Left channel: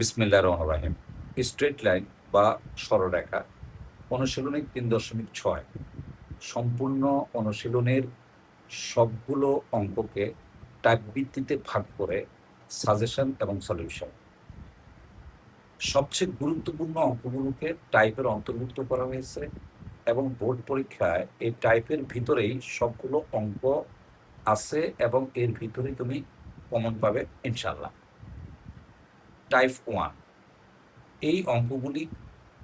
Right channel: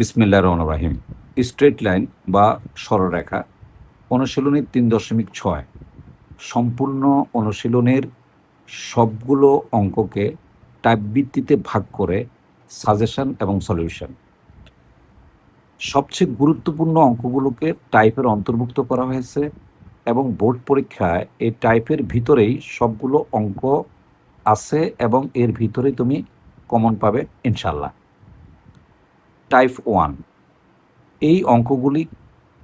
বিসমিল্লাহির রহমানির রহিম। Straight line বা সরলরেখা অনুশীলনী ৩.৬ সম্পূর্ণ অনুশীলনের সবগুলো অঙ্ককে টাইপ ভিত্তিতে ভাগ করে সাজেশন এবং সলিউশন। সবচেয়ে গুরুত্বপূর্ণ অঙ্কগুলোকে টাইপের অন্তর্ভুক্ত করা হয়েছে এবং বোর্ড পরীক্ষায় এই টাইপের ভিতরেই সবগুলো অঙ্ক আছে এবং এর ভিতরে তুমি কমন পাবে ইনশাল্লাহ। টাইপ 1 এই অঙ্কগুলি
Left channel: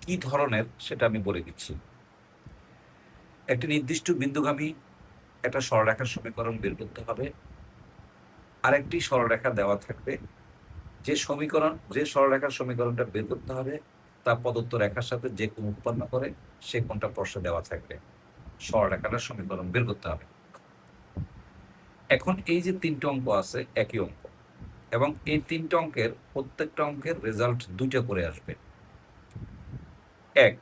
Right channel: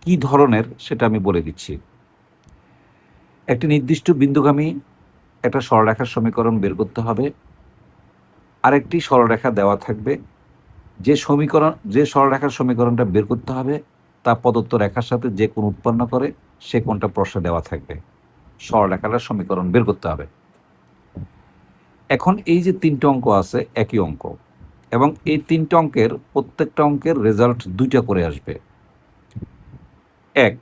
কি ধরনের সেটা আমি বলে দিচ্ছি। একটি নির্দিষ্ট বিন্দুগামী একটা সরলরেখার সমীকরণ বের করতে হবে। আরেকটি সরলরেখা দেওয়া থাকবে। যে সরলরেখার সমীকরণটা বের করতে হবে তা প্রদত্ত রেখার সাথে যে কোণ উৎপন্ন করে সে কোণটা প্রশ্নে দেওয়া থাকবে। সরলরেখাটার সমীকরণ বের করতে হবে। এখন এই যে তিনটে অঙ্ক আছে একই অঙ্ক, এবং এই তিনটে অঙ্কের প্রত্যেকটা অঙ্কের রেজাল্ট দুইটা করে আসবে। এক,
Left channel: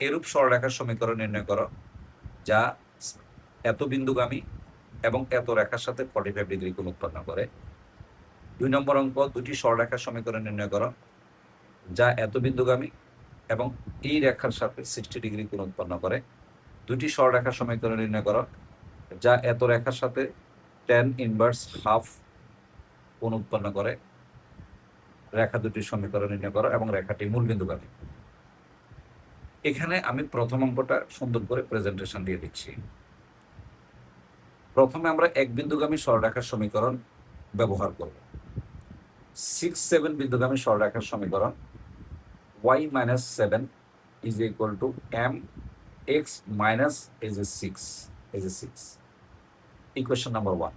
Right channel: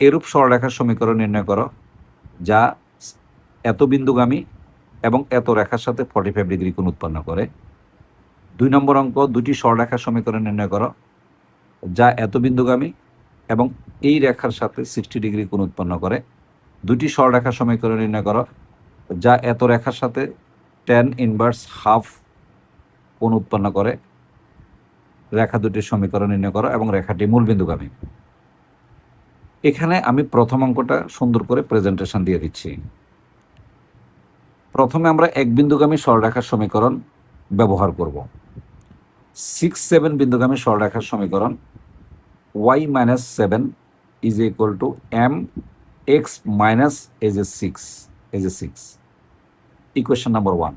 এরূপ সরলরেখার সমীকরণ নির্ণয় করো যা এত বিন্দুগামী এবং এত রেখার সাথে 45 ডিগ্রি কোণ উৎপন্ন করে। 2 নম্বর অঙ্ক, দুটি সরলরেখার সমীকরণ নির্ণয় করো যা এত বিন্দুগামী এবং এই রেখার সাথে 60 ডিগ্রি কোণ উৎপন্ন করে। দুটি সরলরেখার সমীকরণ নির্ণয় করো যা এত রেখার সাথে tan ইনভার্স হাফ কোণ উৎপন্ন করে। রেখা দুটির সমীকরণ নির্ণয় করো এবং রেখাটি মূল বিন্দুগামী। এখানে আমি প্রথম অঙ্কটা সুন্দর করে প্রেজেন্টেশন দিয়ে দিচ্ছি। প্রথমে আমরা এক বিন্দুগামী সরলরেখার সমীকরণ ব্যবহার করব। 6-7 বিন্দুগামী সরলরেখার সমীকরণ y-7 is equal to mx minus a6 equation number 1।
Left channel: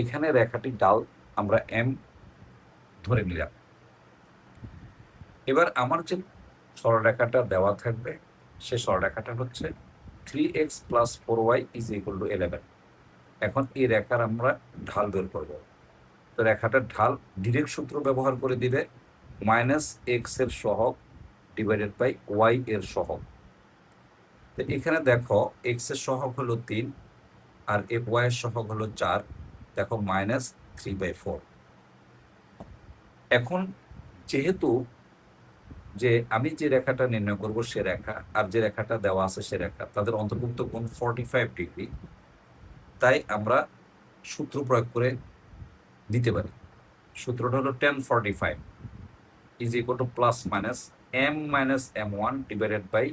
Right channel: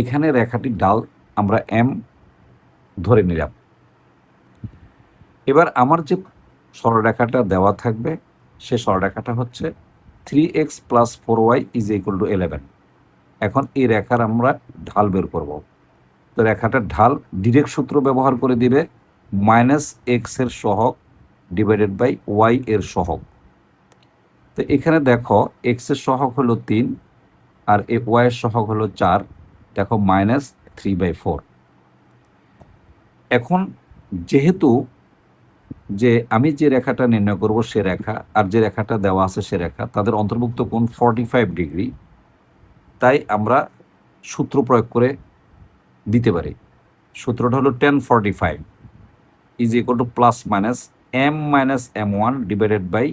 এখানে রেখাটির ঢাল আমরা m ধরে নিলাম। এবার আমার যে সরলরেখাটা দেওয়া থাকবে সে সরলরেখাটা হচ্ছে 3x plus 4y is equal to 11। এখন এই রেখার আমরা ঢাল বের করব। তো রেখাটার ঢাল ডিরেক্ট সূত্র ব্যবহার করে দিবে -x এর সহগ ডিভাইডেড বাই y এর সহগ। তো এখানে দেখো x এর সহগ হলো 3 আর y এর সহগ হলো 4। দেখো -3/4। এখন যেহেতু যে আমি যে রেখাটা নির্ণয় করব সে রেখা আর যে রেখাটা দেওয়া আছে সে রেখা তাদের অন্তর্ভুক্ত কোণ 45 ডিগ্রি, তাই আমরা সূত্র প্রয়োগ করে দিতে পারি। সূত্রটা হলো tan 45 is equal to plus minus m minus m1 divided by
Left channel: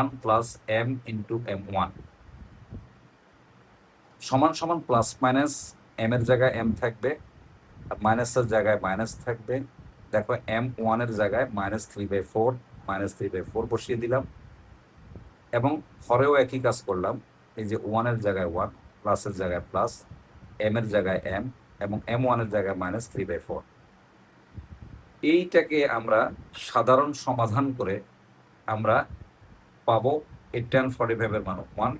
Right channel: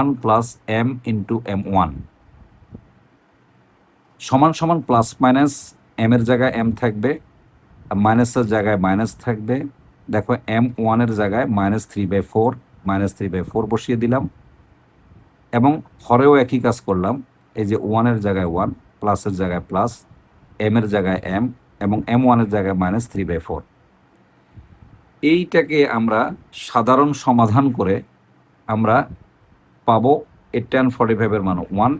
1 plus m into m1 সমান সমান প্লাস মাইনাস m এর জায়গায় m থাকবে আর মাইনাসের জায়গায় মাইনাস থাকবে। দেখো m1 এর জায়গায় -3/4 বসিয়ে দিলাম এবং হরেও একই কাজ করলাম। এই যে 1 এর জায়গায় 1, প্লাসের জায়গায় প্লাস, m এর জায়গায় m এবং m1 এর জায়গায় -3/4। এইটাকে আমরা সাধারণ সমাধান করে আমরা পাবো এই tan 45 এর মান 1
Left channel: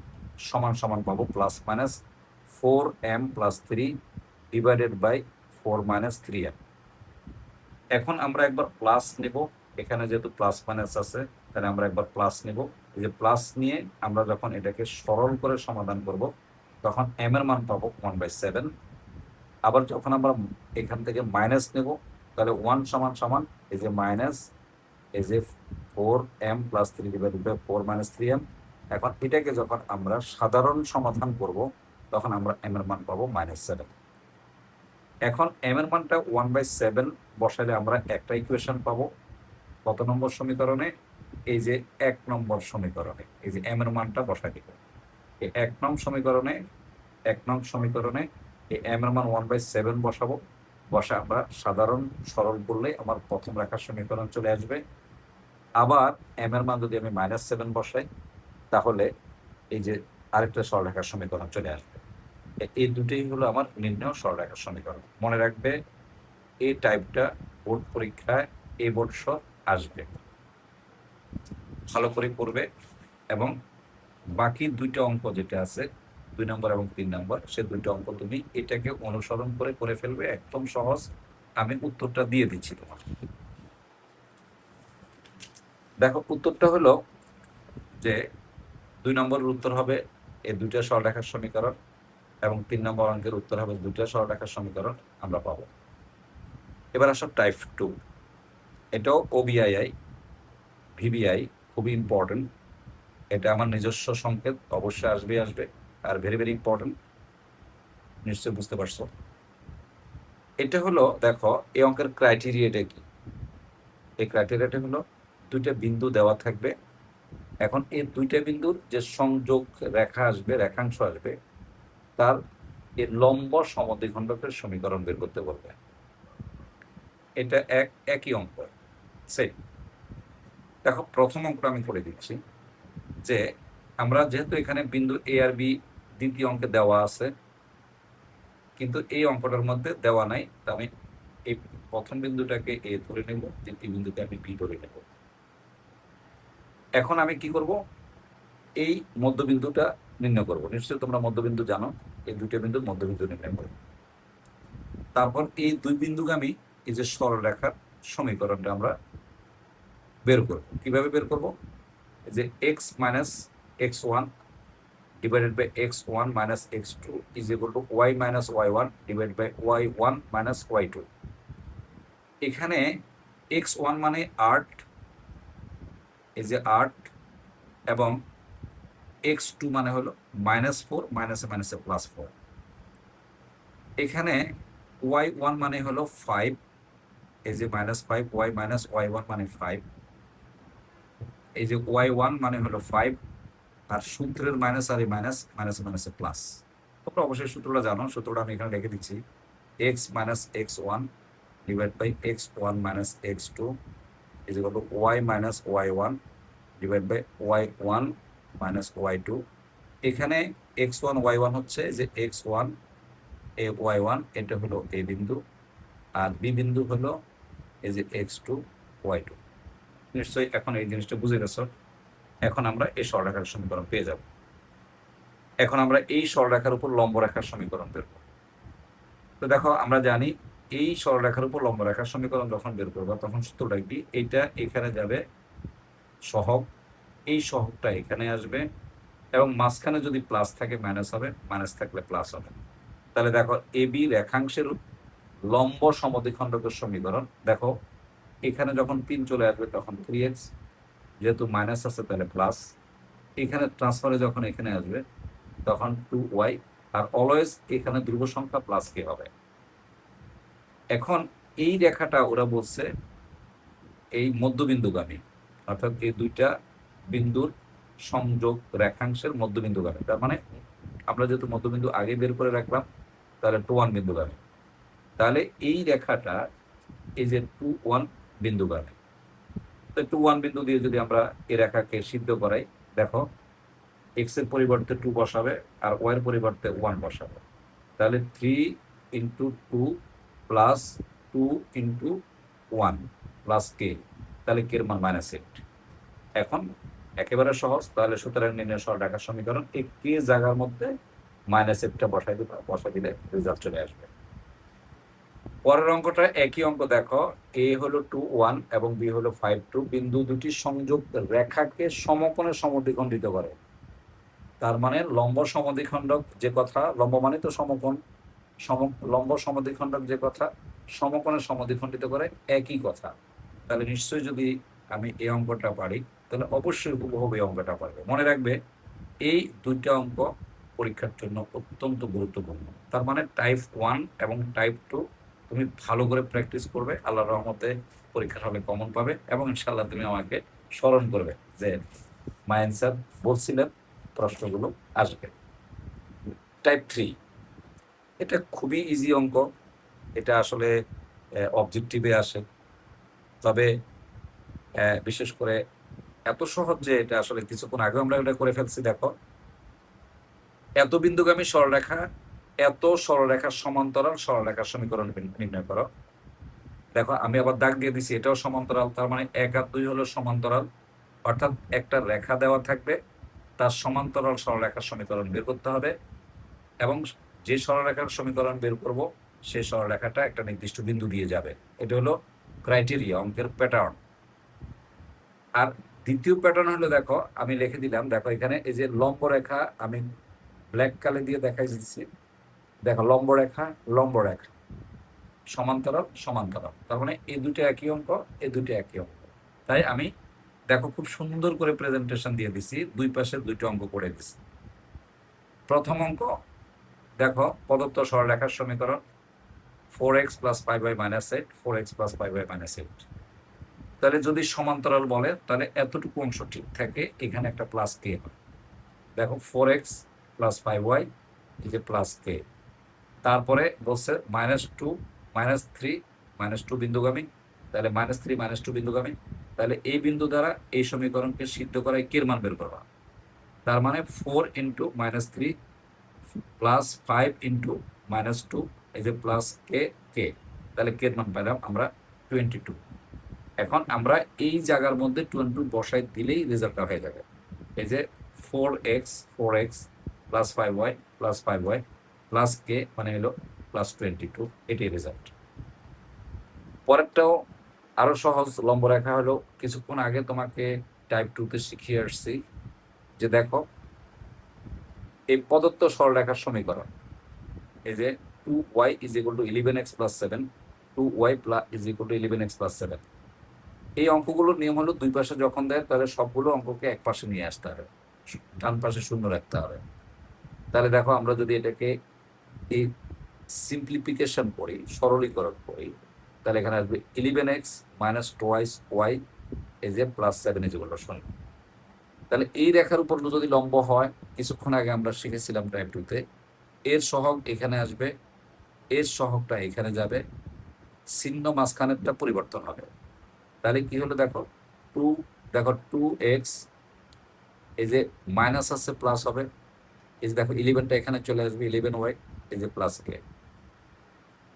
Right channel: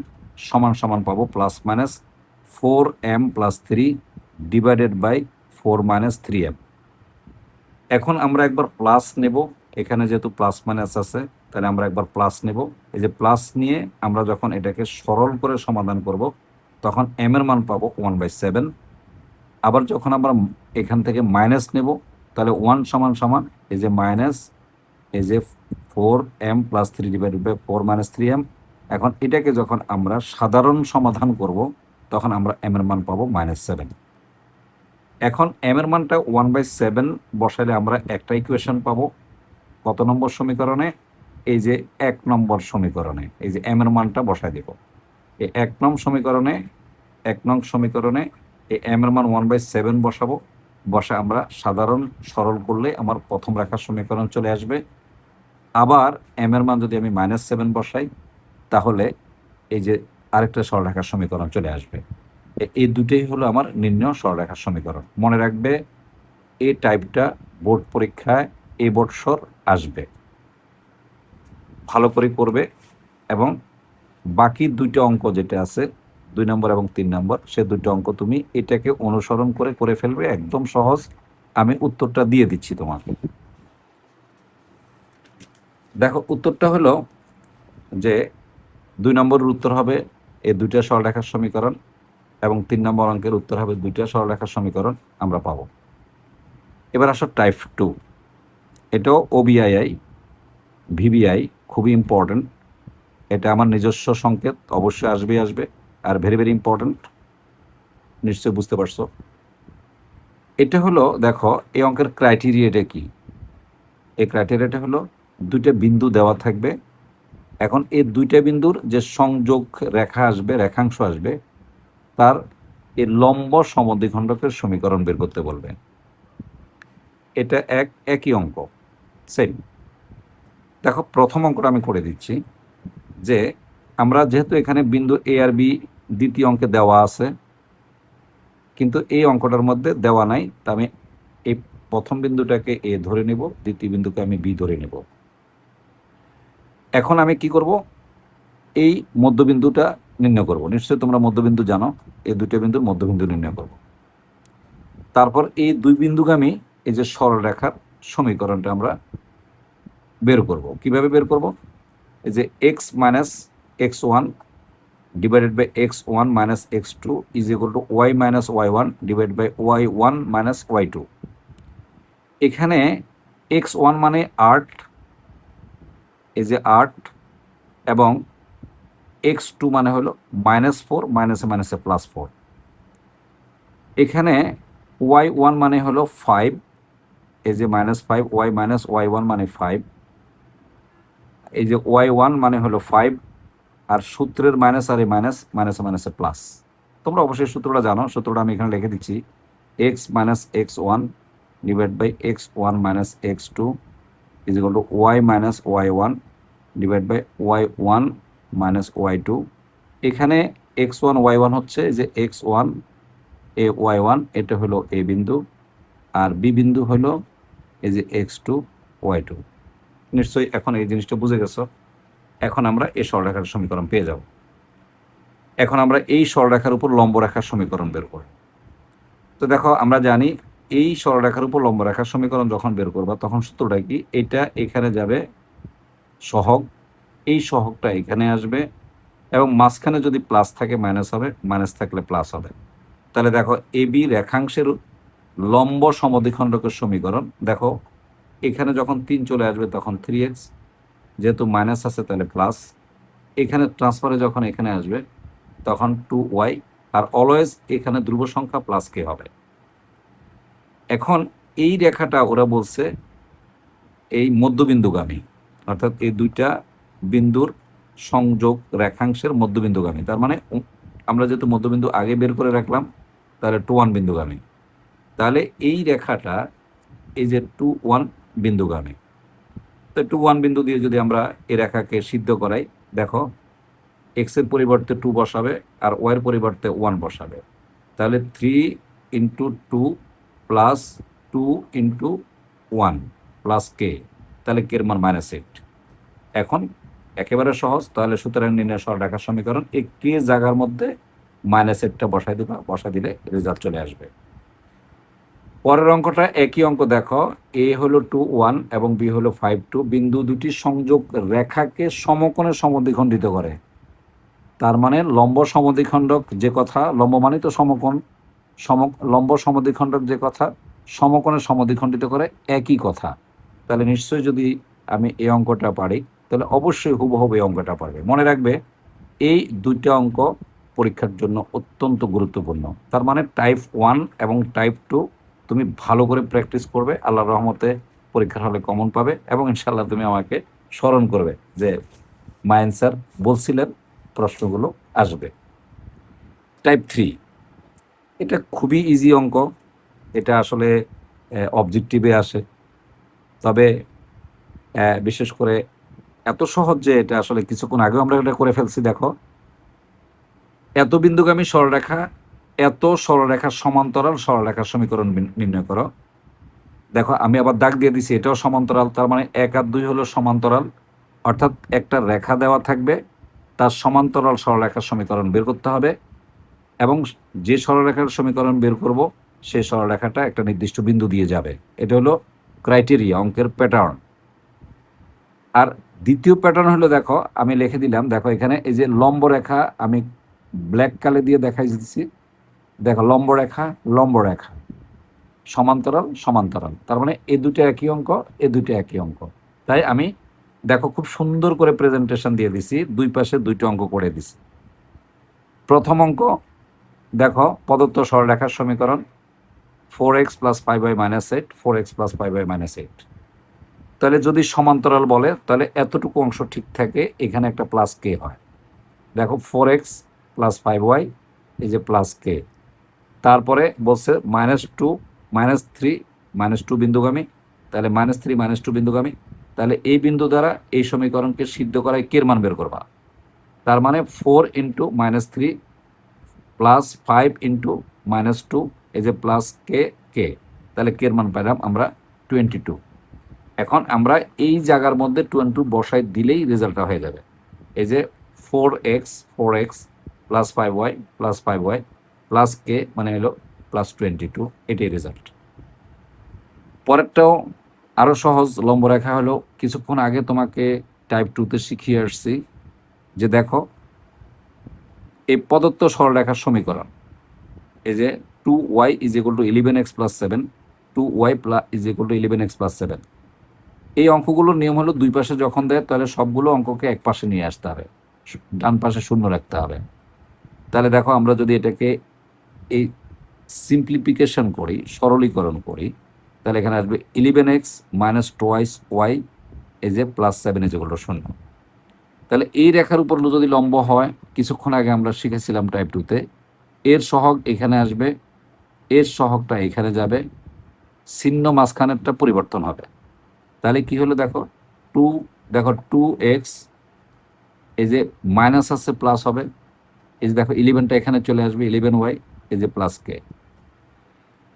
সমান সমান পাবো plus minus 4m plus 3 divided by 4 - 3m। এখন আমরা একবার প্লাস নেব, এখানে যেহেতু প্লাস মাইনাস আছে তাহলে আমরা একবার প্লাস নেব। এই যে প্লাস নিয়ে আমরা যখন এটাকে সরল করে সমাধান করব তখন m এর মান পাবো 1/7। আবার যখন আমরা এখান থেকে মাইনাস নেব তাহলে 1 সমান সমান এই যে মাইনাস এই যে 4m plus 3 divided by 4 - 3m। এখন এটাকে যখন আমরা সাধারণ সমাধান করব তখন আমরা m এর মান পাবো -7। এখন m এর মানটা 1/7 বসালে আমরা একটা ইকুয়েশন পাবো। কত নম্বর সমীকরণে? এই যে 1 নম্বর সমীকরণে এই যে m এর মানটা বসায় দেব। এই 1 নং সমীকরণে এই m এর মান 1/7 বসাবো। বসে আমরা সাধারণ সরল করলে আমার প্রথম রেখার সমীকরণ চলে আসবে। আবার m এর মান যদি আমি -7 বসাই তাহলে এই যে আরেকটা সরলরেখার সমীকরণ চলে আসবে। এই দুটোই হলো আমার নির্ণয় সরলরেখার সমীকরণ। মনে রাখবে এই টাইপটা বোর্ড পরীক্ষায় এই বৎসর আসবে। ভালো করে করবে এবং বাকি দুইটা অঙ্ক যেটা আছে 2 নম্বর এবং 3 নম্বর সে দুটো অঙ্ক তুমি এটাকে অনুসরণ করে ফেলবে, একদম সহজ। আমি উত্তরটা দিয়ে দিচ্ছি তোমাকে। দেখো উত্তরটা হলো যে 2 নম্বরের উত্তর হবে এই দুইটা সরলরেখার সমীকরণ এবং 3 নম্বর অঙ্কের উত্তর হবে দুইটা সরলরেখার সমীকরণ আমরা পাবো। এবার আসো টাইপ 2। এটাও ওবিআইআই, ভিবিআই, খুবই ইম্পর্টেন্ট। এটা আমার নিজস্ব সংকেত, অবশ্যই আসবে আর ভেরি ভেরি ইম্পর্টেন্ট, নিশ্চয়ই বুঝতে পারছো। এটা হলো দেখো এই অঙ্কের ক্রাইটেরিয়াটা কি। এই ক্রাইটেরিয়াটা হলো দুইটা বিন্দু দেওয়া থাকবে। এখন এই দুইটা বিন্দুর যে সংযোগ রেখা আসবে, রেখাংশ আসবে, তার এই লম্ব সমদ্বিখণ্ডকের সমীকরণ বের করতে বলবে। এটা একই অঙ্ক, সেম। দেখো প্রথম অঙ্কটা আমি করে দিচ্ছি যে আমরা যেহেতু এখানে বিন্দু এ আর বি দ্বিতীয় অঙ্কে দেওয়া আছে, কিন্তু এই অঙ্কটার মধ্যে দেওয়া নাই, তা আমি এই প্রথম বিন্দুটাকে এ ধরে নেব, দ্বিতীয় বিন্দুকে আমি বি ধরে নেব। এখন আমি কি করব, এই মধ্যবিন্দুটা নির্ণয় করব। নিশ্চয়ই তোমরা মধ্যবিন্দু জানো, এই দুটো বিন্দুর মধ্যবিন্দু নির্ণয় করব। তারপর এই দুই বিন্দুগামী এই যে সরলরেখার সমীকরণটা আমরা বের করব। কিভাবে বের করব, এই যে X minus X one divided by X one minus X two is equal to Y minus Y one divide by Y one minus Y two. এখানে এক্স ওয়ান মানে 8, এই যে 8, এবং এক্স টু মানে হলো -4, মাইনাসে মাইনাসে +4। এখানে ওয়াই ওয়ান মানে হলো 5, এই যে -5, ওয়াই মাইনাস ওয়াই ওয়ান মানে 5, এই যে ওয়াই ওয়ান মানে হলো 5, আর সূত্রের মাইনাস আর এই মাইনাস, মাইনাসে মাইনাসে প্লাস। তোমরা অবশ্যই সূত্রটা জানো, সূত্রটা আমি এখানে লিখে দিচ্ছি। X minus X one divide by X one minus X two is equal to Y minus Y one divide by Y one minus Y two. এখানে এক্স ওয়ান ওয়াই ওয়ান হচ্ছে যে এক্স ওয়ান এ Y one, এটা হলো এ বিন্দু, আর B বিন্দু হলো এই যে এক্স টু ওয়াই টু। নিশ্চয়ই এখন এই জিনিসটা বুঝে গেছো। এখন আমরা এই সরলরেখার সমীকরণ পেয়ে যাব। এখন আমরা এই সরলরেখার উপর লম্ব রেখার সমীকরণ বের করব। তো দেখো আমরা জানি এই সরলরেখার উপর লম্ব রেখার সমীকরণ যখন বের করবা তখন সূত্রটা কি, এটা এখানে যাবে সহগ, এই সহগটা এখানে আসবে, এবং মাঝখানে যদি প্লাস থাকে মাইনাস হবে, মাইনাস থাকলে প্লাস হবে। তাহলে দেখো এ বি রেখাংশের লম্ব সমদ্বিখণ্ডকের সমীকরণ, দেখো এখানে যখন 3 চলে আসবে তখন 3x, যেহেতু মাইনাস আছে তাহলে প্লাস, এখানে ট্রান্সফারে যখন এখানে আসবে তখন 2y, আর অলওয়েজ এখানে ধ্রুব সংখ্যা প্লাস কে হবে। এখন এই রেখাটা ওরা বলছে এই মধ্যবিন্দুগামী, অর্থাৎ এই দুইটা বিন্দুর সংযোগ রেখাংশের মধ্যবিন্দুগামী। তার মানে আমরা যেহেতু মধ্যবিন্দু আগে বের করে রাখলাম, তাহলে 2-1 বিন্দুগামী। তাহলে এই রেখাটা এই যে 2-1 বিন্দুগামী। তো 2-1 বিন্দু দিয়ে যদি আমরা এই রেখাকে সিদ্ধ করাই, দেখো এক্স এর পরিবর্তে 2 বসাবে আর ওয়াই এর পরিবর্তে 1 বসাবে, তাহলে 3 ইন্টু 2 প্লাস 2 ইন্টু 1 প্লাস কে, তাহলে কে এর মান -8। এখন একেবারে সহজ, তাহলে সুতরাং নির্ণয় সরলরেখার সমীকরণ, এই কে জায়গার মধ্যে -8টা বসাই দেবা, বসা দিলে রেজাল্ট চলে আসবে। পরের অঙ্কটা একই অঙ্ক, দেখো এ হলো 2-1 এবং বি হলো 5-2, বিন্দু দুটি সংযোগ রেখাকে সমকোণে সমদ্বিখণ্ডিত করে। তার মানে লম্ব সমদ্বিখণ্ডক যে কথা, লম্ব মানে তো সমকোণ, লম্ব সমদ্বিখণ্ডক যে কথা, সমকোণে সমদ্বিখণ্ডিত করে একই কথা। তাহলে নিশ্চয়ই যদি আমি এই অঙ্কটা পারি তাহলে অবশ্যই হুবহু এই অঙ্কটা পারবে। মনে রাখবে এই দুইটা অঙ্ক পরীক্ষার জন্য অত্যন্ত গুরুত্বপূর্ণ। তার মানে টাইপ 1 এবং টাইপ 2 তুমি ভালো করে প্র্যাকটিস করবে, আল্লাহর রহমতে পরীক্ষার হলে কমন পাবে, এবং ইনশাল্লাহ তুমি আমাকে স্মরণ করবে যে মাইন স্যার বলছিলেন প্রশ্নগুলো আসবে। টাইপ 3, এটা খুবই ইজি অঙ্ক, এটা আসলে অবজেক্টিভে আসে, তবে বিশেষ করে এত সহজ যে এটা আসলে কিছুক্ষণ আগেও আমরা এটা করে ফেলছি। দেখো এত বিন্দুগামী সরলরেখা, এত সরলরেখার সমান্তরাল সরলরেখার সমীকরণ নির্ণয় করো। দেখো আমি আবার দাগ দিয়ে দিছি, এটাও সমান্তরাল, তার মানে 1 আর 2 হলো সমান্তরাল, অর্থাৎ একটা রেখা দেওয়া থাকবে, তার সমান্তরাল সরলরেখার সমীকরণ বের করতে হবে, এবং যে সরলরেখার সমীকরণ বের করব সেই সরলরেখাটা একটা নির্দিষ্ট বিন্দু দিয়ে যাবে। এটা হলো ক্রাইটেরিয়া, অঙ্কের প্যাটার্ন। আর দ্বিতীয় প্যাটার্ন হলো, দেখো আমি লিখে দিলাম, দেখো এখানে এই যে লম্ব রেখা আমি ব্ল্যাক কালে দিয়ে দেখাই দিচ্ছি, দেখো লম্ব রেখা লম্ব রেখা, সমান্তরাল সমান্তরাল, তার মানে এই দুটো একই অঙ্ক, এই দুটো একই অঙ্ক। তাই আমি দেখো খুব সুন্দর করে প্রেজেন্টেশন দিয়ে দিছি, দুই পাশে দুইটা অঙ্ক করে দিছি। প্রথম অঙ্ক দেখো, প্রদত্ত সরলরেখার সমীকরণ 4x + 5y - 8, 4x + 5y - 8। তাহলে যদি সমান্তরাল বলে তাহলে এতটুকু অংশ ঠিক থাকে, এখানে একটা প্লাস কে হয়। দেখো 4x + 5y এই যে প্লাস কে, তারপরে বলছে -2 -3 -2 বিন্দুগামী, তাহলে -3 -2 বিন্দুগামী, তাহলে এই বিন্দু দ্বারা এই সমীকরণকে সিদ্ধ করায় কের মান বের করবা। তার মানে 4 × -3 + 5 × -2 এই যে প্লাস কে কে, তাহলে কের মান পেলাম আমরা 22। এখন আমরা এই জায়গার মধ্যে 22 বসাই দিলেই রেজাল্টটা হয়ে যাবে। এই যে 4x + 5y + 5y + কে মানে হলো +22, এটাই রেজাল্ট। পরেরটাও আরও সহজ, লম্ব রেখা হলো কিছুক্ষণ আগে তোমাকে টাইপ 2তে শিখিয়ে আসছি যে দেখো এই প্রদত্ত সরলরেখার সমীকরণ, এই যে 2y = 11x + 7, 2y = 11x + 7, এই অঙ্কগুলোর নিয়ম হলো দুই পাশে যখন দেয় তাহলে সবগুলো অঙ্ককে এক পাশে নিয়ে আসতে হবে, ডান পাশে শূন্য রাখতে হবে। তাহলে দেখো আমরা যদি এটাকে এই সিম্পলিফিকেশন করি, সরলীকরণ করি, তাহলে এখানে আসবে 11x - 2y এই যে +7 = 0। তাহলে এই রেখার উপর যদি লম্ব হয়, কিছুক্ষণ আগে আমরা শিখেছিলাম টাইপ 2তে, এর সহগ এখানে আসবে, এর সহগটা এখানে যাবে, চিহ্ন মাঝখানেরটা পরিবর্তন হবে। তাহলে কি হলো দেখো, দেখো 2x এই যে মাইনাস আছে প্লাস হবে, এই যে দেখো 11টা এখানে চলে আসবে, 11y এই যে প্লাস কে।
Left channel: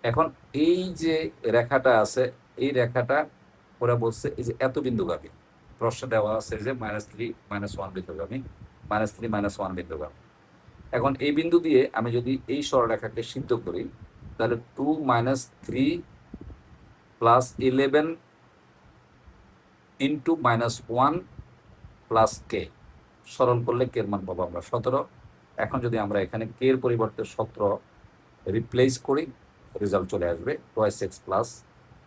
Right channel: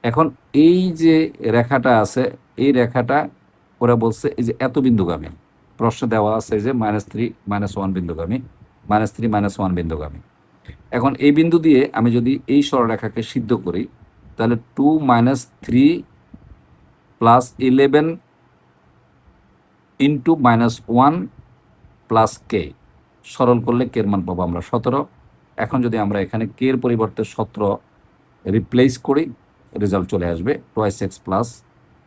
এখন এই যে রেখাটা আছে, এই রেখাটা ওরা বলছে এই যে এত বিন্দুগামী, প্রশ্ন দেওয়া আছে যে -3 -1 বিন্দুগামী, -3 -1 বিন্দুগামী। এখন এই বিন্দু দিয়ে আমি যদি এই সরলরেখাকে সিদ্ধ করি, তাহলে 2 - 3 + 11 × -1 + কে, সরল করলে কের মান পাবো আমরা 17। এখন যদি আমরা এখানে কে এর পরিবর্তে 17 রিপ্লেস করি, রেজাল্ট চলে আসবে 2x +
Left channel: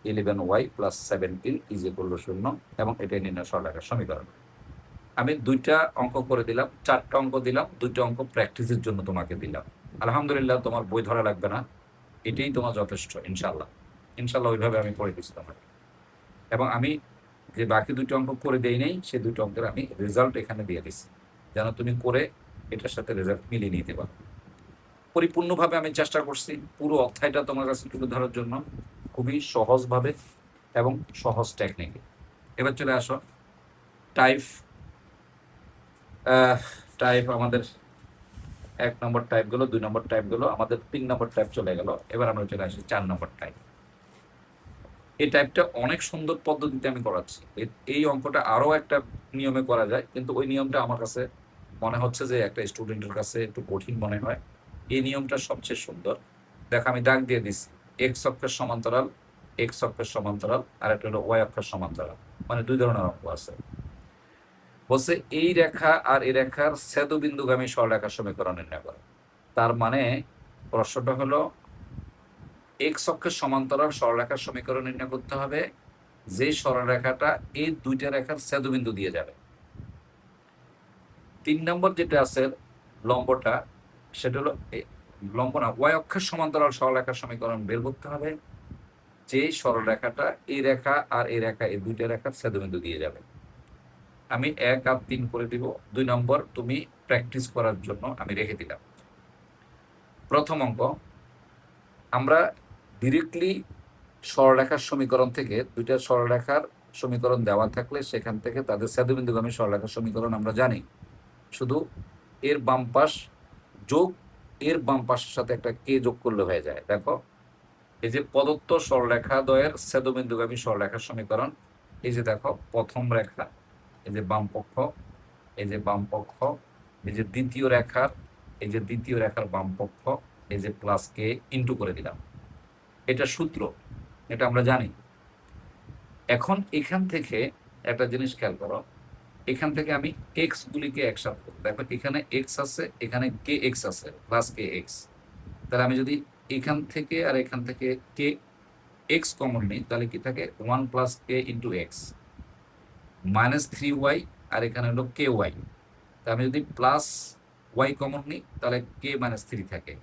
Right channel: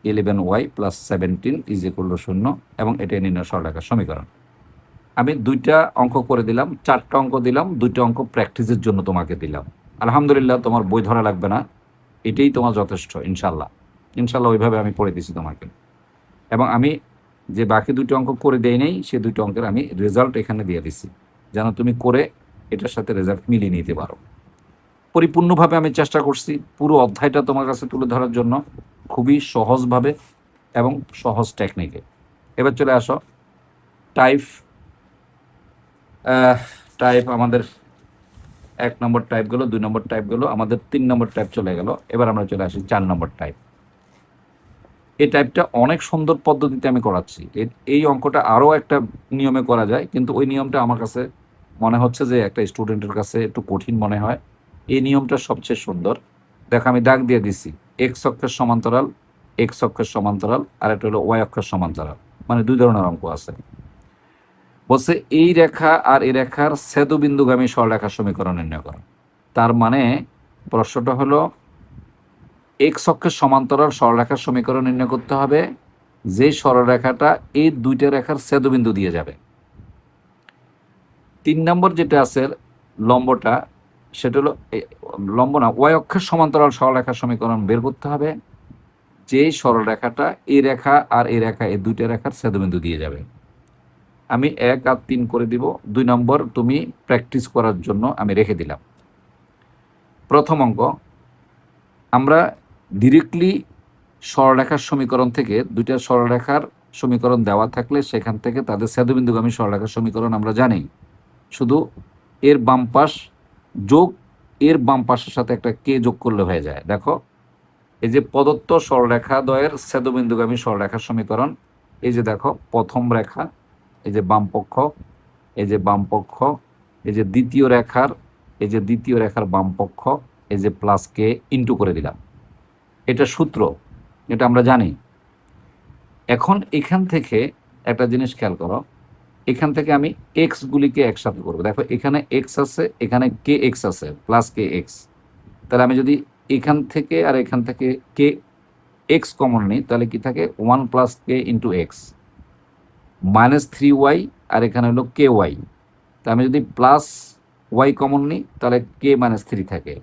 11y + 17 = 0, এবং এটাই নির্ণয় সরলরেখার সমীকরণ। আমি দুইটা অঙ্ক করে দিলাম, চারটা অঙ্ক দিলাম, দুইটা অঙ্ক প্র্যাকটিসের জন্য তোমাকে দিলাম। আলহামদুলিল্লাহ, তোমার বই ধরা লাগবে না, এটাই তোমার যথেষ্ট। ইনশাল্লাহ ইনশাল্লাহ ওইভাবে আমি পড়ে দিছি তোমাকে। এবং আমি যে বাকি দুটো অঙ্ক করে দেই নেই, সে দুটো অঙ্কের আমি রেজাল্ট এখানে দিয়ে দিছি, যেন তুমি করে এটার সাথে রেজাল্ট মিলিয়ে নিতে পারো। পরিপূর্ণভাবে আমি চেষ্টা করছি পুরো অধ্যায়টা তোমার কাছে তুলে ধরার জন্য, খুবই সহজভাবে এবং সহজ টেকনিকে। এবার চলে আসো টাইপ টাইপ আমাদের 1 নম্বর টাইপ গেলো, 2 নম্বর টাইপ গেলো, আমাদের 3 নম্বর টাইপ চলে গেল। এবার আমরা চলে আসি 4 নম্বর টাইপ। এই টাইপটা অনেক সুন্দর পদ্ধতিতে আমি করাচ্ছি। এই অঙ্কটা আরও একটা নিয়মে করা যায়, কিন্তু ওই নিয়মটা আমার কাছে মনে হচ্ছে যে একটা স্টুডেন্টের কাছে একটু কঠিন মনে হয়। এই নিয়মটা সবচেয়ে সুন্দর। দেখো আমি দাগ দিয়ে দিছি, এক্স অক্ষের সমান্তরাল, এক্স অক্ষের সমান্তরাল, আর একটা হলো ওয়াই অক্ষের সমান্তরাল, মানে দুই ধরনের অঙ্ক আছে। বলছে এই রেখা আর এই রেখার ছেদবিন্দুগামী সরলরেখার সমীকরণ নির্ণয় করো। তার মানে প্রশ্নটা হলো এক্স অক্ষের সমান্তরাল সরলরেখার সমীকরণ নির্ণয় করতে হবে, যেই সরলরেখাটা এই দুইটা রেখার ছেদবিন্দু দিয়ে যাবে। 3 নম্বর যেটা আছে লম্বটা, সেটা হলো লম্ব না, ওয়াই অক্ষের সমান্তরাল সরলরেখার সমীকরণ বের করতে হবে, যেই সরলরেখাটা এই রেখা আর এই রেখা এই দুইটা রেখার ছেদবিন্দু দিয়ে যাবে। আমি 1 আর 3 করে দিব, 2 নম্বর তুমি প্র্যাকটিস করার জন্য আমি রেখে দিলাম। প্রথম অঙ্ক, আমরা ডিরেক্টলি সরলরেখার সমীকরণ থেকে, দুইটা সরলরেখার সমীকরণ দেওয়া থাকলে সেখান থেকে তাদের ছেদবিন্দুগামী সরলরেখার সমীকরণ আমরা জানি, শুধু এর বাম পাশ যোগ এর বাম পাশের সাথে একটা কে যোগ করলে হয়ে যায়। দেখো এই যে প্রদত্ত সরলরেখা দ্বয়ের ছেদবিন্দুগামী সরলরেখার সমীকরণ, এই যে দেখো প্রথম রেখা, এই যে বাম পক্ষ, এই যে বাম পক্ষ, এই যে দ্বিতীয় রেখার, এই যে দ্বিতীয় রেখার বাম পক্ষ, এই যে প্লাস কে ইন্টু করে দিলাম, এটা সূত্র, এটা আমরা জানি। এখন এখান থেকে একটা জিনিস খেয়াল করো, এখান থেকে আমি এক্স গুলিকে একসাথে করবো। দেখো এখানে এক্স আছে, এখানে কে এক্স আছে, প্লাস কে এক্স। তাহলে আমি যদি এখান থেকে আর এখান থেকে কে এক্স কমন নিই তাহলে কি থাকে 1 + k × x -3y, আর এখানে হলো কে ওয়াই। তা আমি যদি প্লাস ওয়াই কমন নিই তাহলে k-3 থাকে,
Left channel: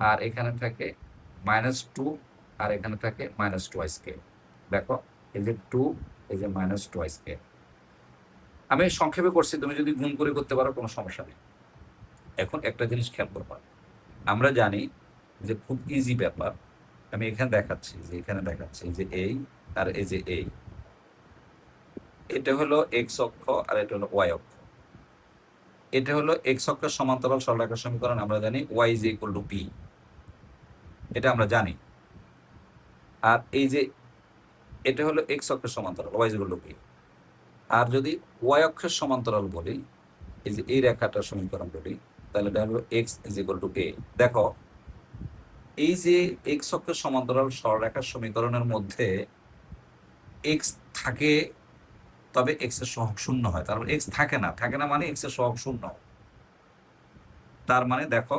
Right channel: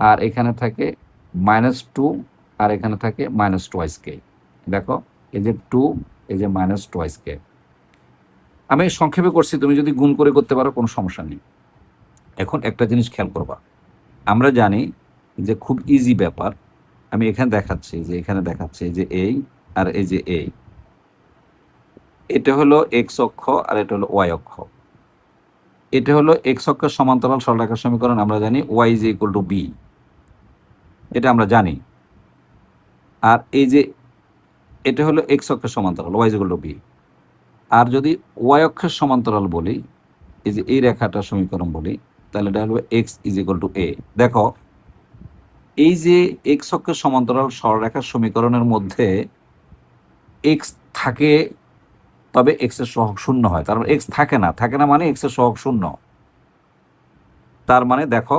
আর এখানে থাকে -2, আর এখানে থাকে -2k। দেখো এই যে 2, এই যে -2k। আমি সংক্ষেপে করছি, তুমি যদি গুণ করে করতে পারো কোনো সমস্যা নেই। এখন একটা জিনিস খেয়াল করবা, আমরা জানি যে খুব ইজি ব্যাপার। আমি এখানে দেখাচ্ছি, যে এখানে দেখাচ্ছি যে এই আর এই যে এই, এটা হলো এক্স অক্ষ আর এটা হলো ওয়াই অক্ষ। এটা হলো এক্স অক্ষের সমান্তরাল সরলরেখার সমীকরণ, আমরা জানি Y is equal to B, এটা আমরা জানি। আর এই যে এটা হলো এক্স অক্ষের সমান্তরাল Y is equal to B. আর যদি ওয়াই অক্ষের সমান্তরাল বলি, এই যে এই রেখাটার সমীকরণ বলি, তাহলে এটা হলো এক্স ইজ ইকুয়াল টু এ। দেখো এই যে এক্স অক্ষের সমান্তরাল সরলরেখার সমীকরণের মধ্যে এক্স থাকে, তবে এক্স এর সহগ শূন্য হয়। তার মানে এক্স থাকে না, থাকে না মানে এক্স এর সহগ শূন্য। তার মানে দেখো,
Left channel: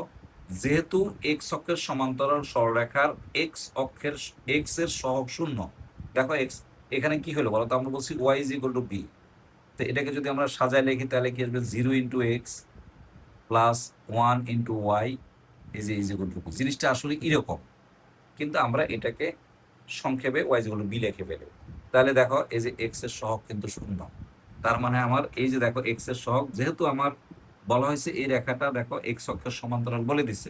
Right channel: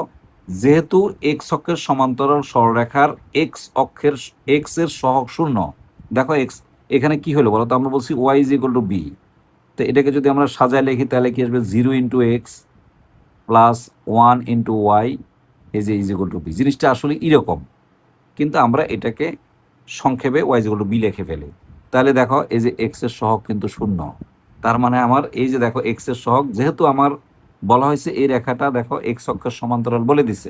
যেহেতু এক্স অক্ষের সমান্তরাল সরলরেখার এক্স এর সহগ শূন্য, দেখো এক্স এখানে কি হলো বলো তো, আমরা বলছি Y is equal to B. তো এটাকে যদি আমরা সাজায় লিখি তাহলে কি আসবে, 0 × x প্লাস 1 × y এই যে ইজ ইকুয়াল টু বি। জিনিসটা আসলে এরকম, কিন্তু আমরা এটাকে সংক্ষেপে Y is equal to B লিখে ফেলি। তাহলে দেখো এই যে এক্স এর সহগ কিন্তু শূন্য। তার মানে আমার এই যে দেখো এক্স এর সহগ, যেহেতু আমার বলা হয়েছে এই রেখাটা দেখো এক্স অক্ষের সমান্তরাল বলে দিছে,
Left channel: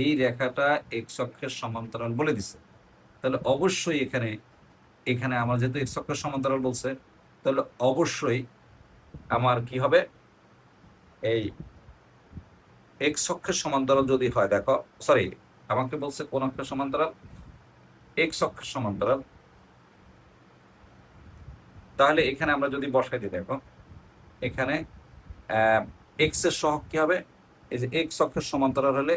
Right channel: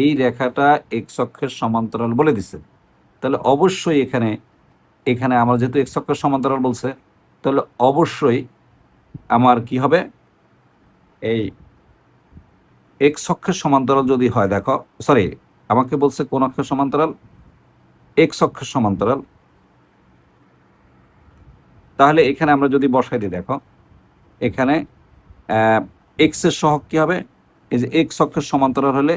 এই রেখাটা এক্স অক্ষের সমান্তরাল বলে দিছে, তাহলে অবশ্যই এখানে এখানে আমার যেহেতু এক্স অক্ষের সমান্তরাল বলছে, তাহলে অবশ্যই আমার কি হবে, এই এক্স অক্ষের সমান্তরাল যদি হয়, দেখো সরি আমাকে বলছে কোন অক্ষের সমান্তরাল, এক্স অক্ষের সমান্তরাল। তাহলে এখানে আমরা যদি বসাই দিই, দেখো এখানে এক্স এর সহগ কি হবে, এই যে এক্স অক্ষের সমান্তরাল হলে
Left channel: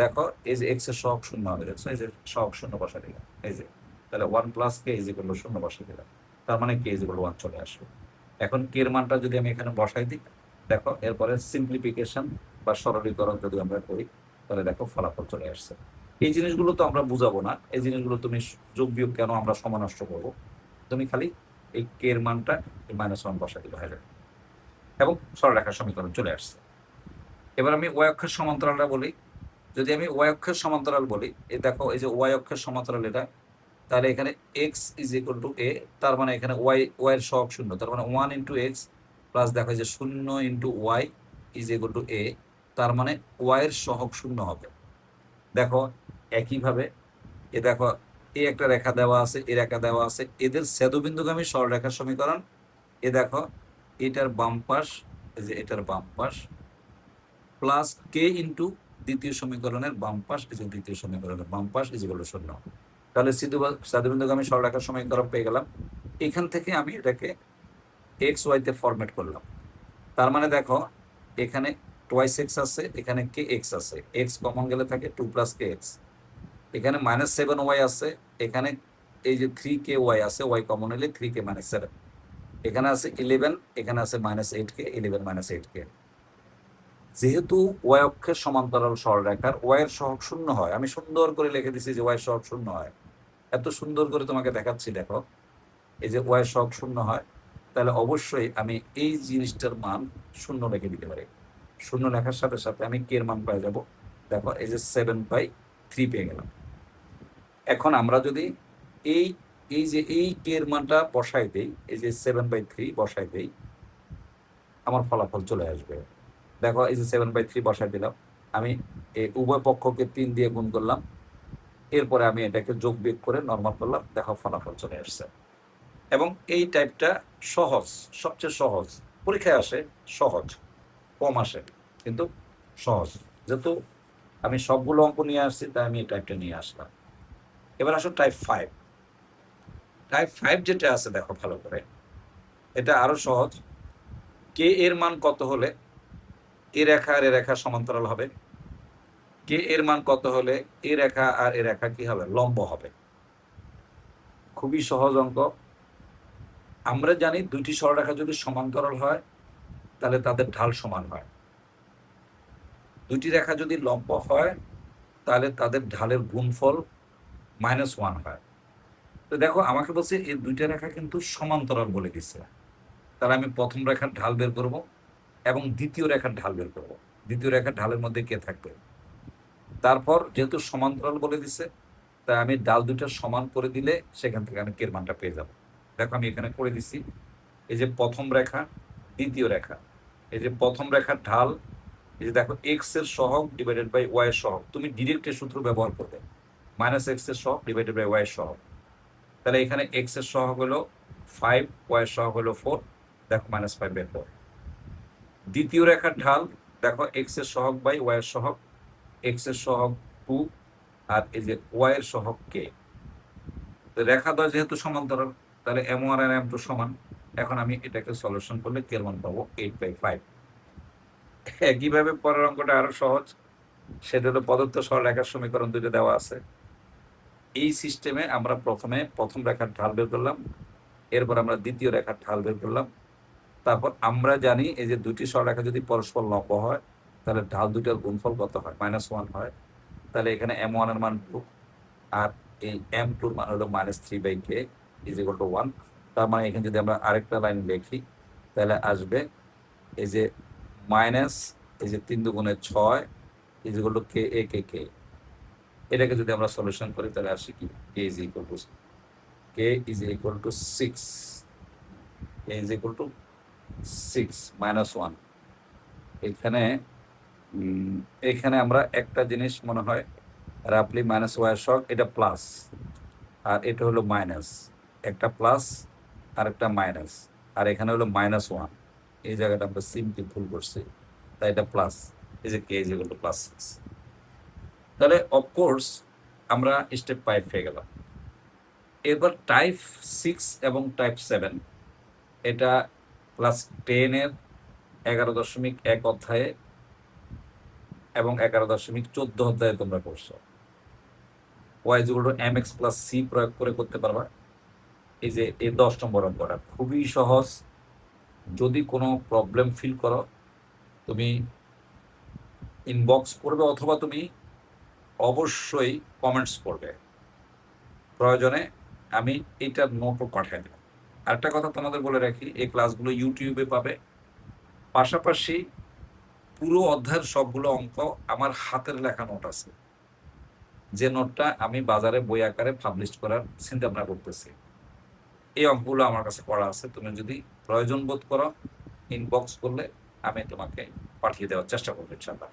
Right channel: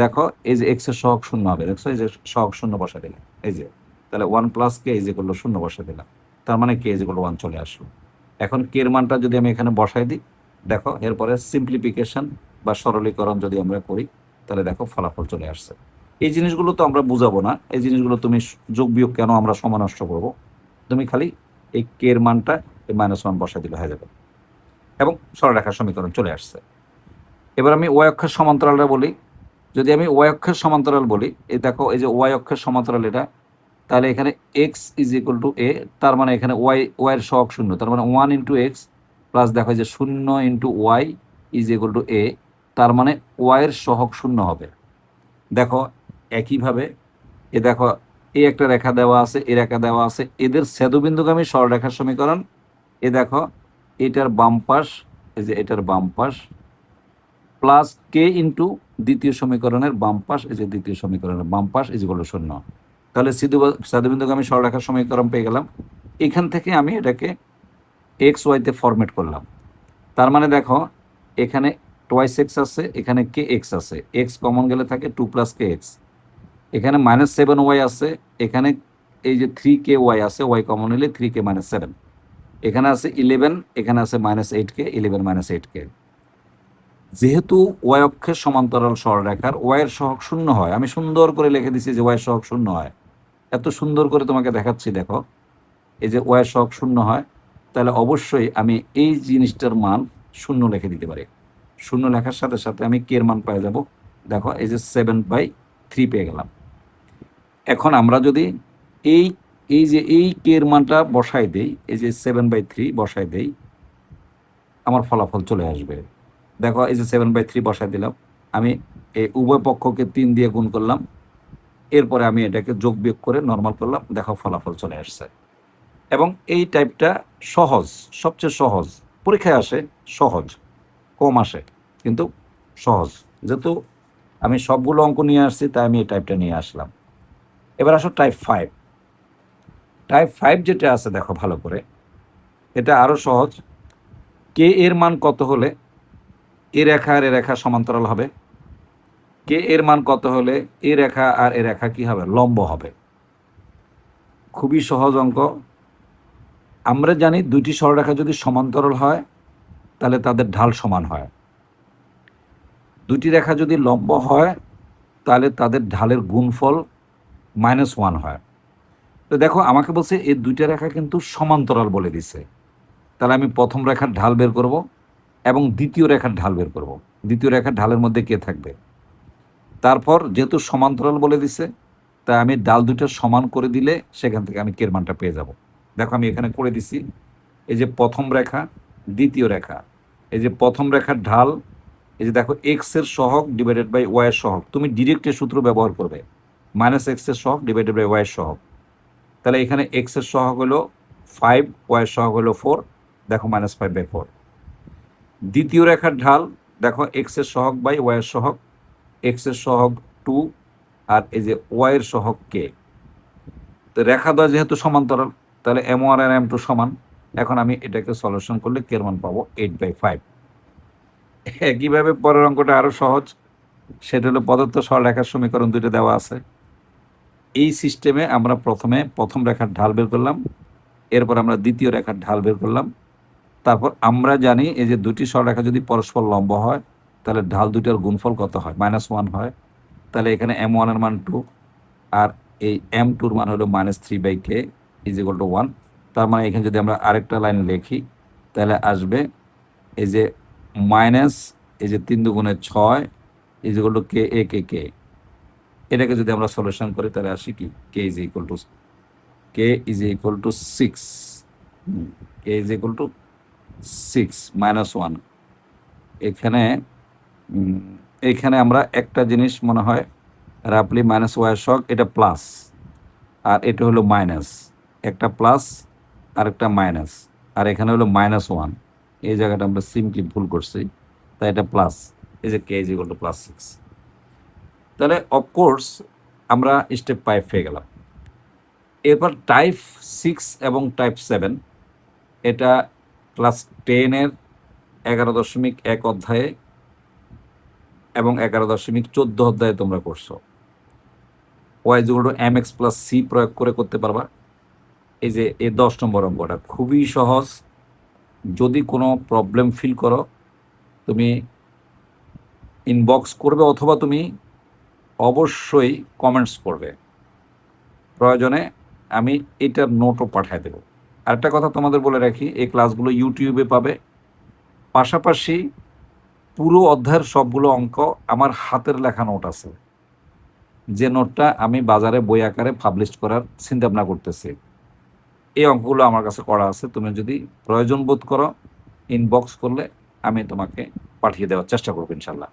দেখো এই যে এক্স এর সহগ শূন্য হবে, দেখছো এই যে সহগ শূন্য বসাই দিলে, এই যে তাহলে 1 + k ইজ ইকুয়াল টু 0 বসাই দিলাম, তার মানে k ইজ ইকুয়াল টু 1 চলে আসলো। এখন k এর মানটা যদি আমি এখানে বসাই দিই, দেখো এরপরে সিম্পলিফিকেশন বা সরলীকরণ যদি আমরা করি, তাহলে দেখো ফলাফল চলে আসছে। এই জিনিসগুলো তো আমরা বুঝাবো না, এই জিনিসগুলো তুমি যোগ বিয়োগ কেন আমরা সময় নষ্ট করবো, তুমি খালি এই k এর মানটা এই -1 বসাই দিলে হয়ে যাবে, এবং সরলরেখার সমীকরণ চলে আসছে। এবার আমি ওয়াই অক্ষের সমান্তরালটা বলি। যদি আমি ওয়াই অক্ষের সমান্তরাল বলি, এই দেখো এই যে ওয়াই অক্ষের সমান্তরাল এটা, তাহলে এখানে এক্স ইজ ইকুয়াল টু এ, তার মানে এখানে ওয়াইয়ের সহগ শূন্য, তার মানে 1 × x প্লাস দেখো যে 0 × y ইজ ইকুয়াল টু এ, তার মানে ওয়াইয়ের সহগ শূন্য হবে। দেখো একইভাবে এ দেখো এই একটা রেখা দেওয়া আছে, এই রেখা দেওয়া আছে, এদের ছেদবিন্দুগামী সরলরেখার সমীকরণ, এ দেখো এটার বাম পাশ, এই যে এটার বাম পাশ প্লাস কে ইন্টু দ্বিতীয় সমীকরণের বাম পাশ, এই যে দ্বিতীয় সমীকরণের বাম পাশ ইজ ইকুয়াল টু 0। তাহলে ছেদবিন্দুগামী সরলরেখার সমীকরণ পেয়ে গেলাম। এখান থেকে আমি এটাকে এক্স ওয়াইতে ফরম্যাট করলাম। তার মানে দেখো এখানে টোয়াইস এক্স আছে, এখানে কে এক্স আছে, এক্স কমন গেলে থাকে 2 + k x, এখানে -7y আছে, এখানে এই যে 3ky আছে, ওয়াই কমন হলে 3k - 7, এখানে আছে 11, এখানে আছে -8k, 11 - 8k। যেহেতু ওয়াই অক্ষের সমান্তরাল সরলরেখার ওয়াইয়ের সহগ শূন্য হয়, আমি সুন্দর করে লিখে দিচ্ছি যে ওয়াইয়ের সহগ শূন্য হয়, এত সুন্দর করে তোমাকে দেখাচ্ছি, দেখো এই যে ওয়াইয়ের সহগ শূন্য হয়, তাহলে অবশ্যই আমি এই জিনিসটার মান শূন্য লিখে দিতে পারি। শূন্য লেখার সাথে সাথে আমি কে এর মান পেয়ে যাব, দেখো এই যে 7/3 পেয়ে গেলাম। এখন আমরা যদি এই এই যে এই কে এর মানটা বসাই দিই, এই যে 7/3 বসাই দিই, আমার ফলাফল চলে আসবে। দেখো এই যে 7/3 বসাই দিলাম, আমি এই উভয় পক্ষকে 3 দিয়ে গুণ করলাম, এরপরে আমি এটাকে যোগ বিয়োগ করে নর্মাল করলাম, দেখো ফলাফল চলে আসছে। এবং এই টাইপটা সহজ, সবচেয়ে সহজ, পরীক্ষায় আসে সহজ, কম আসে কিন্তু সহজ। যেহেতু আমি সবগুলো অঙ্ক নিয়ে আসছি, তাই আমি এই টাইপটা নিয়ে আসলাম। এবার আসো টাইপ 5। টাইপ 5 যেটা আছে দেখো ভালো করে, এটা আরও সহজ। কে এর মান কত হলে এ রেখা আর এ রেখা সমান্তরাল হবে, কে এর মান কত হলে এ রেখা আর এ রেখা কি হবে, লম্ব হবে। খুবই সহজ অঙ্ক। আমরা জানি দুইটি সরলরেখা যদি সমান্তরাল হয় তাহলে তাদের ঢাল সমান হয়, দুইটি রেখা যদি লম্ব হয় তাহলে তাদের ঢালের গুণফল -1 হয়। তো দেখো আমাকে বলছে এই দুইটা রেখা কিন্তু সমান্তরাল বলে দিছে। তাহলে আমি প্রথম রেখার ঢাল বের করব এবং দ্বিতীয় রেখার ঢাল বের করব। দ্বিতীয় রেখার ঢালের মধ্যে কে থাকবে? তারপর যেহেতু সমান্তরাল বলে দিছে, তাই আমি ডাল দুটো সমান করে দিলে সেখান থেকে আমি কের মানটা পেয়ে যাব। দেখো আমি এখানে করে দিছি, এই যে প্রথম রেখা, দ্বিতীয় রেখা, এই যে প্রথম রেখার ঢাল, এই যে দেখো এক্স এর সহগ ডিভাইডেড বাই ওয়াই এর সহগ। তুমি ডিরেক্ট এর সূত্র ব্যবহার করবে, মাইনাস এক্স এর সহগ ডিভাইডেড বাই ওয়াই এর সহগ। তাহলে এখানে এক্স এর সহগ হলো 5, ওয়াই এর সহগ হলো 4, দেখো -5/4। দ্বিতীয় রেখার ঢাল, দেখো এক্স এর সহগ বাই ওয়াই এর সহগ, এক্স এর সহগ 2 আর এই যে ওয়াই এর সহগ কে। তো রেখা দ্বয় যেহেতু সমান্তরাল, তাহলে m1 আর m2 সমান। এখন আমি এটাকে সলিউশন করলে কে এর মান পাবো 8/5। একইভাবে পরের অঙ্কটা আরো সহজ, সেটা হলো প্রদত্ত সরলরেখার সমীকরণ দুটো দেওয়া আছে। এই সিস্টেমে আমরা প্রথমে প্রথম রেখার ঢাল বের করলাম, এরপর আমরা দ্বিতীয় রেখার ঢাল বের করলাম। তারপর আমরা জানি এই যে দুটি সরলরেখা যদি পরস্পর লম্ব হয়, তাহলে ঢাল দুটোর গুণফল কত হয়? -1 হয়। তাহলে এখানে m1 এর মান 2 আর এই m2 এর মান হলো -3/k = 1। তার মানে এখানে যদি আমরা আরেকটা লাইন লিখি, তাহলে আসবে এই যে মাইনাস, এই যে 3 × 6 = k a k k। এটাকে যদি আমরা সলিউশন করি তাহলে আসি কি k = 6, k = 6 -1। এখানে এইখানে আমরা একটা জিনিস মনে হয় রাফলি -y এর সহগ, এটা প্লাস আর এটা হলো মাইনাস, একটা প্লাস আর একটা মাইনাস, আর এখানে হলো -1। এই জায়গাটা আমরা সিম্পলি ভুল করছি, তাই এটা প্লাস, এই যে k = +6। তাহলে অফকোর্স আমরা স্টেপ 5 পেয়ে গেলাম। এরপর টাইপ 6 এবং টাইপ 7, এটা ক্লাস 10-এর 11.1 অধ্যায়ে এবং 11.14 অধ্যায়ে তোমরা করছো। y = mx + c প্রয়োগ করে করতে পারবা। এই যে এই 10 নম্বর অঙ্কটা খুবই সহজ। যদি কোনো প্রবলেম ফিল করো, তুমি ইনবক্স করবে অথবা তুমি অবশ্যই কমেন্টস করবে, প্রয়োজনে আমি এটার নোটও পাঠিয়ে দেব। আরেকটা কথা তোমাদের বলে রাখি, এই ক্লাসগুলো ইউটিউবে পাবে, পাশাপাশি পুরো অধ্যায়ের সবগুলো অঙ্ক আমার হাতের লেখা নোট আছে, যে নোটটা আমি বাজারে বই আকারে পাবলিশ করার চিন্তা ভাবনা করতেছি। এই অঙ্কগুলো আমার কাছে করা আছে, তুমি যদি প্রয়োজন বোধ করো ইনবক্স করলে আমি তোমাকে পাঠিয়ে দেওয়ার চেষ্টা করবো ইনশাল্লাহ।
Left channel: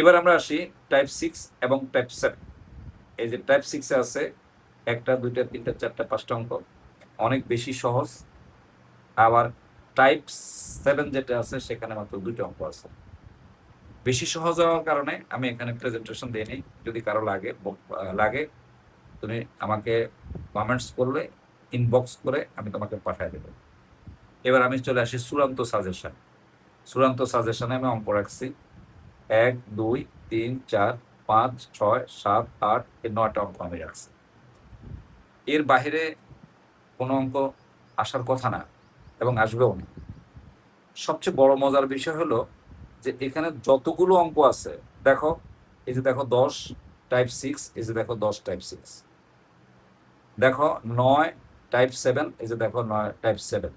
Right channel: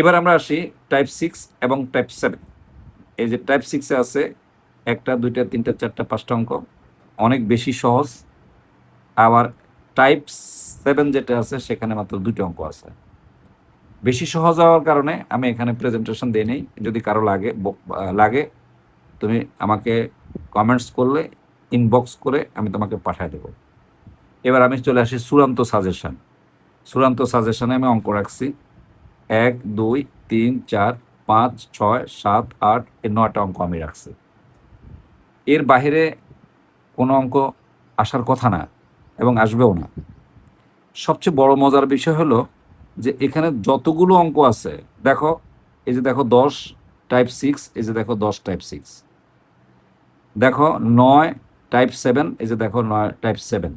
এবার আমরা আসি টাইপ 6 এবং টাইপ 7। এই যে টাইপ 6-এ আছে 1টা 2টা 3টা 4টা 5টা অঙ্ক, অনেক বেশি সহজ। আবার টাইপ 7 যেটা আছে সেখানে মাত্র 2টা অঙ্ক আছে। বেশি সহজ হওয়ার কারণে আমি এখানে প্রেজেন্টেশন দিই নেই, যদি কারো লাগে তুমি আমাকে কমেন্টস করলে ইনবক্স করে আমি তোমাকে পাঠিয়ে দেব। এবার আমি চলে আসি চূড়ান্ত সাজেশন। চূড়ান্ত সাজেশনে আমি অঙ্ক রাখছি 1 2 3 4 5 6 7 8 এই 9টা অঙ্ক আমি রাখছি। এর বাইরে কোনো অঙ্ক আসার কথা না এবং আসবেও না। সবচেয়ে বড় মজার বিষয় হলো যে এখানে যতগুলো অঙ্ক আছে, দেখো এই যে দেখো 10 টাইপ 6, এই যে দেখো 10 টাইপ 6, দেখো 9 টাইপ 7, এই যে দেখো 9 টাইপ 7,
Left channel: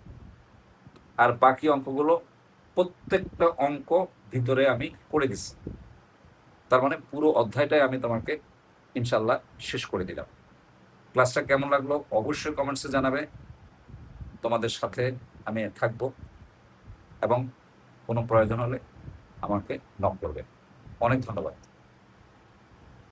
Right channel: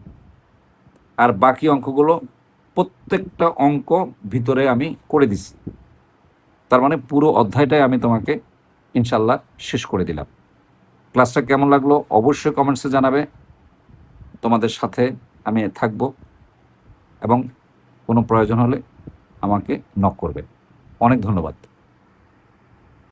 আর বাকি অঙ্কগুলো প্রত্যেকটা অঙ্ক ভিতরে আমি করে দিছি। তার মানে পুরো অধ্যায়টাই আমি তোমাকে ইনশাল্লাহ শেষ করে দিলাম। ক্লাসটা কেমন লাগলো অবশ্যই কমেন্টসে জানাবে। তোমাদের সাথে আমি থাকব এবং কোনো প্রয়োজন হলে আমাকে নক করবে। অনেক ধন্যবাদ।